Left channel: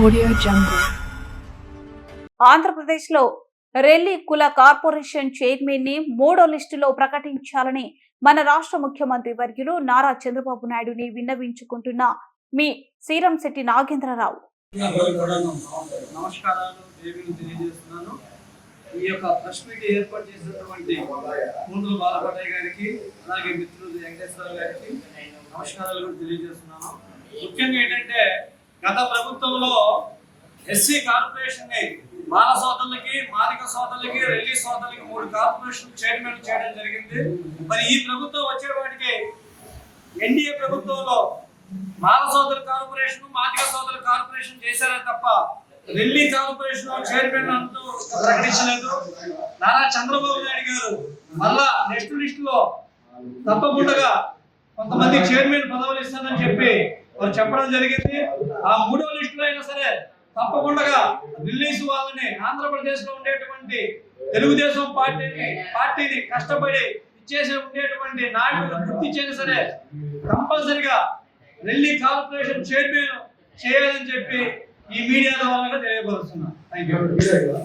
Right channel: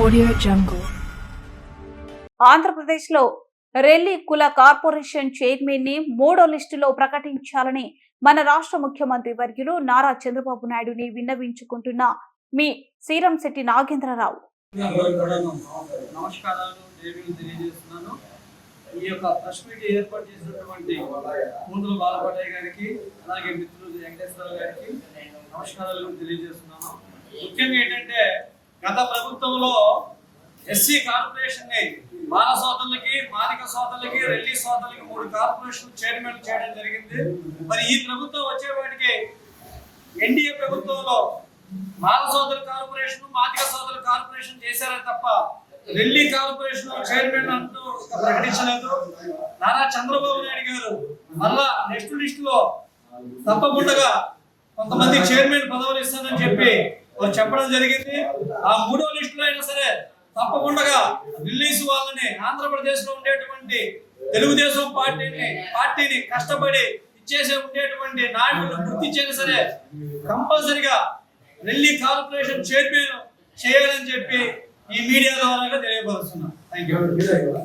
Audio Jungle. ఆంధ్రప్రదేశ్లో రెల్లి కుల corporation chairman ని మూడో లిస్టులో ప్రకటించాలని మన రాష్ట్ర ముఖ్యమంత్రి వర్యులు నారా చంద్రబాబు నాయుడుని విన్నవించుకుంటున్న మీ శ్రీరంశెట్టి నాగేంద్రరావు. నమస్కారాలు తెలియజేస్తున్నాను. ఈ యొక్క ప్రెస్ మీట్ ఏర్పాటు చేసినటువంటి ముందు బాలపటయ్య గారికి అలాగే మిత్రులు వెంకటేశ్వర గారికి నమస్కారాలు తెలియజేస్తున్నాను. ముఖ్యంగా ఏంటంటే గత ప్రభుత్వంలో ఎస్సీ కార్పొరేషన్ ని మాల సోదరులకి, మాదిక సోదరులకి, రెల్లి సోదరులకి 3 కార్పొరేషన్ చైర్మన్ చేయడం జరిగింది. మరి ఈ ప్రభుత్వం వచ్చేవాటికి ఎన్డీఏ ప్రభుత్వంలో మాల సోదరు కార్పొరేషన్, మాదిక సోదరు కార్పొరేషన్ చేశారని తప్ప రెల్లి కార్పొరేషన్ చైర్మన్ అంటూ ప్రకటించలేదు. నారా చంద్రబాబు నాయుడు గారు మళ్ళా నెక్స్ట్ లిస్ట్ లో తప్పకుండా కొంతమంది చైర్మన్ పదవులు ఇస్తానని చెప్పి వారు చెప్పడం జరిగింది. ఆ మూడో లిస్ట్ లో అయినా సరే తప్పకుండా రిలీజ్ వాళ్ళని ఆంధ్రప్రదేశ్ లో ఉండేటువంటి తెలుగుదేశం పార్టీని కష్టపడి ఇచ్చేసే ఉండేటువంటి నాయకులను గుర్తించేది సరే కంపల్సరిగా రెల్లి కార్పొరేషన్ చైర్మన్ చేయాలని చెప్పి ఈ మీడియా ద్వారా తెలియపరుస్తున్నాను. Thank you.